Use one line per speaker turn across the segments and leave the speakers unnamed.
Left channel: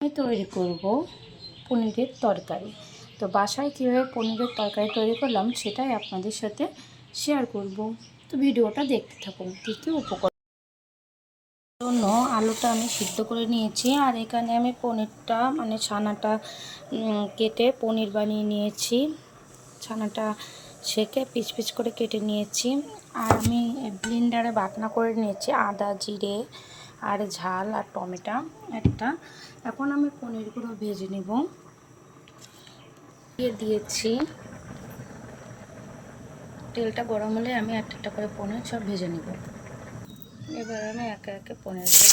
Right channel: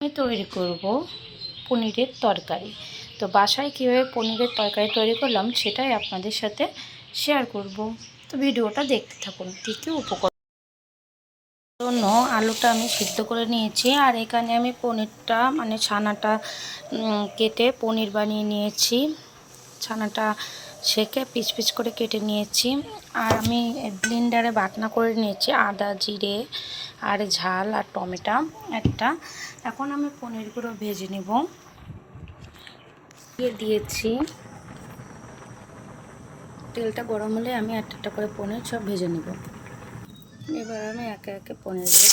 আমি তৈরি করব পনিরের তরকারি। তো বাসায় কীভাবে পনিরের তরকারি তৈরি করলাম সেটাই আপনাদের সাথে শেয়ার করব। তো ভিডিওটা দেখতে থাকুন কী কী উপকরণ জন্য আলুটা আমি সিদ্ধ করে নিয়েছি আর এখানে আমি পনিরটা মানে ছানাটা কেটে পনির বানিয়ে নিয়েছি। ছানাটা সেকে পিচ পিচ করে কেটে নিয়েছি। আর আমি ব্লিন্ডারে বাটনা করে নিয়েছি আদা, জিরে, আর ঝাল, আর টমেটো একটা। এখন আমি পনিরগুলো ভেজে নেব। দিয়ে দিয়েছি। তেলটা গরম হলে আমি একটা একটা করে পনির সব ভেজে নিব। এবার আমি একে একে পনিরগুলো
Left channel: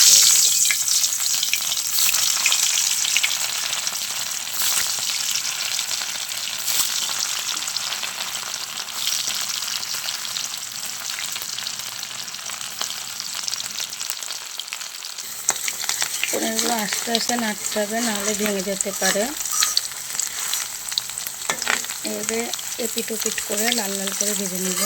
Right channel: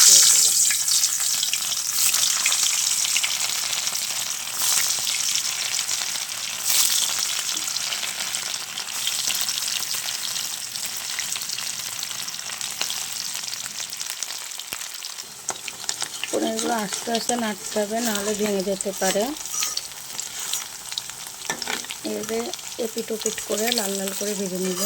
পনিরগুলো আস্তে আস্তে নাড়তে হবে, নাহলে ভেঙে যেতে পারে। এবারে এপিট ওপিট করে লাল লাল করে ভেজে নিব।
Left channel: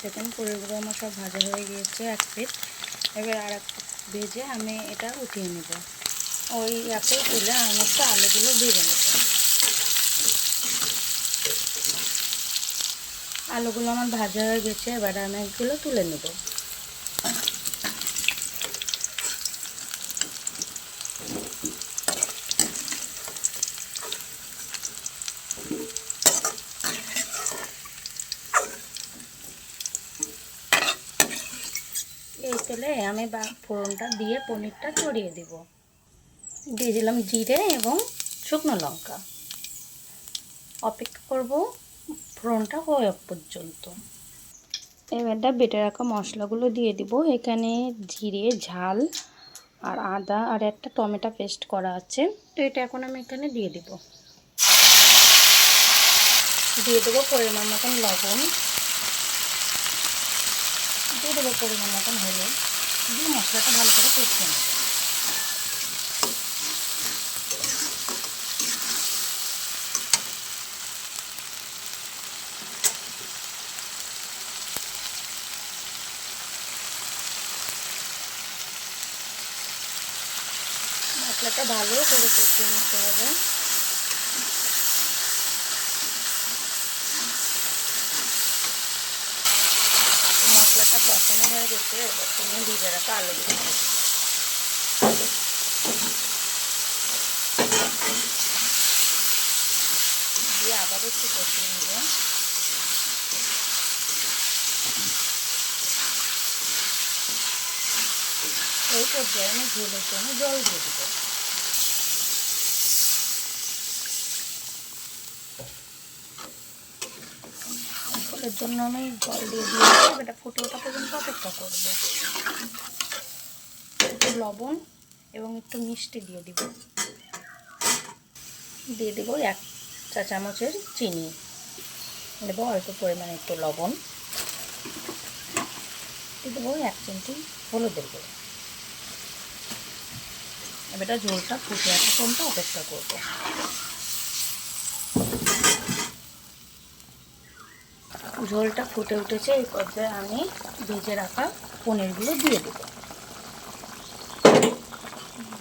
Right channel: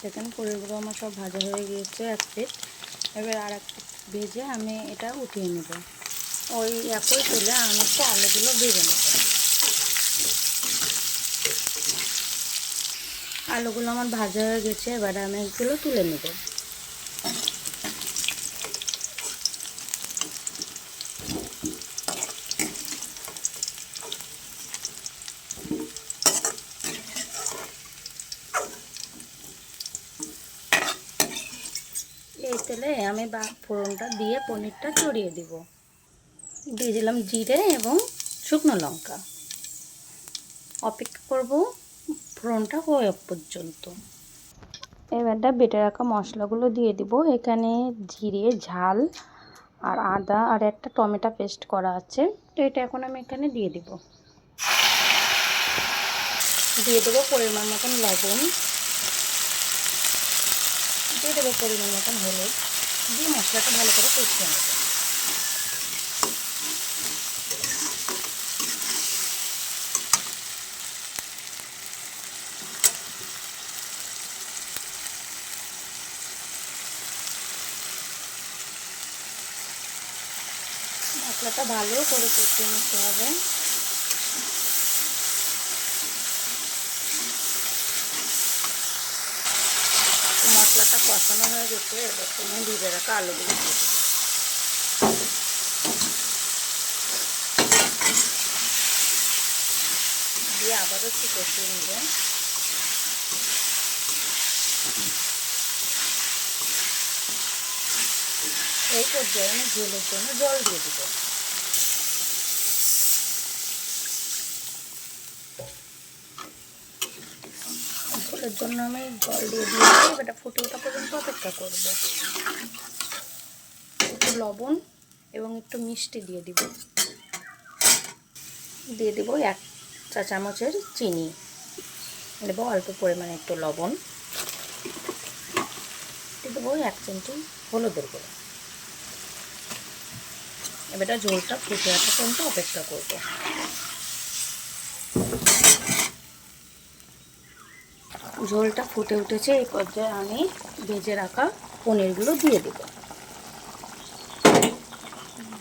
দেখেন পনিরগুলো আমার সব ভাজা হয়ে গিয়েছে এক পিট। এবার আর এক ভেজে আমি এটা উঠিয়ে নেব। ওই একই তুলে আমি একটু আলুগুলো ভেজে নেব। আলুগুলো আমার ভাজা হয়ে গেছে, এবার আমি এগুলো তুলে নেব। এই তেলে আমি বা ফোড়নটা দিয়ে পনিরটা চড়িয়ে দিব। দিয়ে দিলাম জিরে এবং শুকনো লঙ্কা। অপেক্ষা করব ফোড়নটা হয়ে পর্যন্ত। এবারটা বেটে রাখা মশলাগুলো দিয়ে দিব। এখানে জিরে ঝাল আর আদা আর একটা টমেটো পেস্ট করা আছে। তো এটা এখন আমি এখানে দিয়ে দিব। দিয়ে দেবো পরিমাণ মতন লবণ। দিয়ে দেবো পরিমাণ মতন হলুদ। দিয়ে মশলাটা ভালো করে কষিয়ে নেব। মশলাটা ভালো করে কষিয়ে নিতে হবে। মশলাটা কষানো হয়ে গেছে, এবার তুমি ভিজে রাখা আলুগুলো দিয়ে দিয়ে আবার একটু কষিয়ে নেব। এই পর্যায়ে আমি ঝোলের জন্য জল দিয়ে দিব। ঝোলের জন্য আমি জল দিয়ে দিয়েছি। এটা ফুটে ওঠা পর্যন্ত অপেক্ষা করব। একটু লবণ এবং একটু মিষ্টি দিয়ে দিব। দিয়ে দেবো এক চা চামচের চিনি। দেবো অল্প পরিমাণে একটু লবণ। দিয়ে দেবো এক চিমটি হলুদের গুঁড়ো। এবারটা ঝোলটা ফুটে আসা পর্যন্ত অপেক্ষা করব। ঝোলটা ফুটে উঠেছে, এই পর্যায়ে আমি ভেজে রাখা পনিরগুলো দিয়ে দেবো।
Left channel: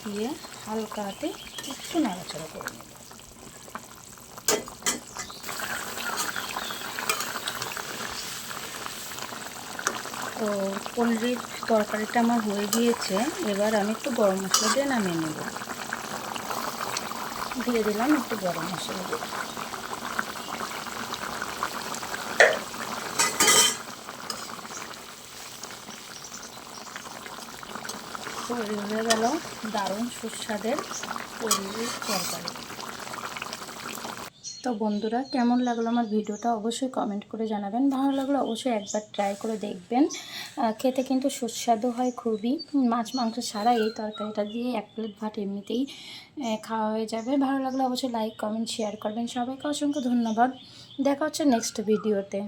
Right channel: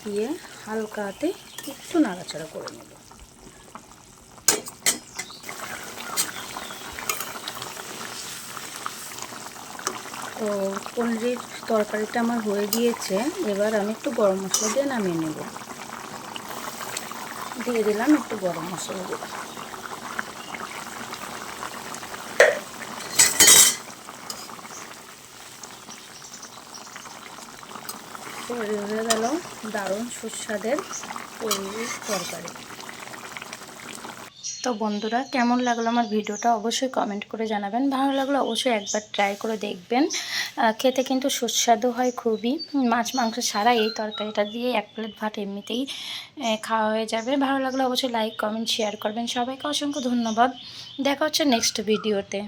দিয়ে হালকা হাতে একটু নাড়াচাড়া করে নেব। তো পনিরের তরকারিটা আমার হয়ে গিয়েছে, এবার আমি একটু গরম মশলা দিয়ে নামিয়ে নেব। দিয়ে দিলাম একটু গরম মশলা দিয়ে। তৈরি হয়ে গেল দারুণ সুস্বাদের তরকারি। তো বন্ধুরা, কেমন লাগল আমার ভিডিওটা অবশ্যই কমেন্ট করে জানাবেন। ভালো লাগল অবশ্যই একবার ট্রাই করে দেখবেন। খেতে কিন্তু সুস্বাদু হয় খুবই। মাছ, মাংস ছাড়া এই তরকারিটা দিয়ে এক প্লেট ভাত এমনিতেই খাওয়া হয়ে যাবে। ভালো লাগল অবশ্যই লাইক কমেন্ট শেয়ার করবেন। সবাইকে অসংখ্য ধন্যবাদ। দেখা হচ্ছে নেক্সট ভিডিওতে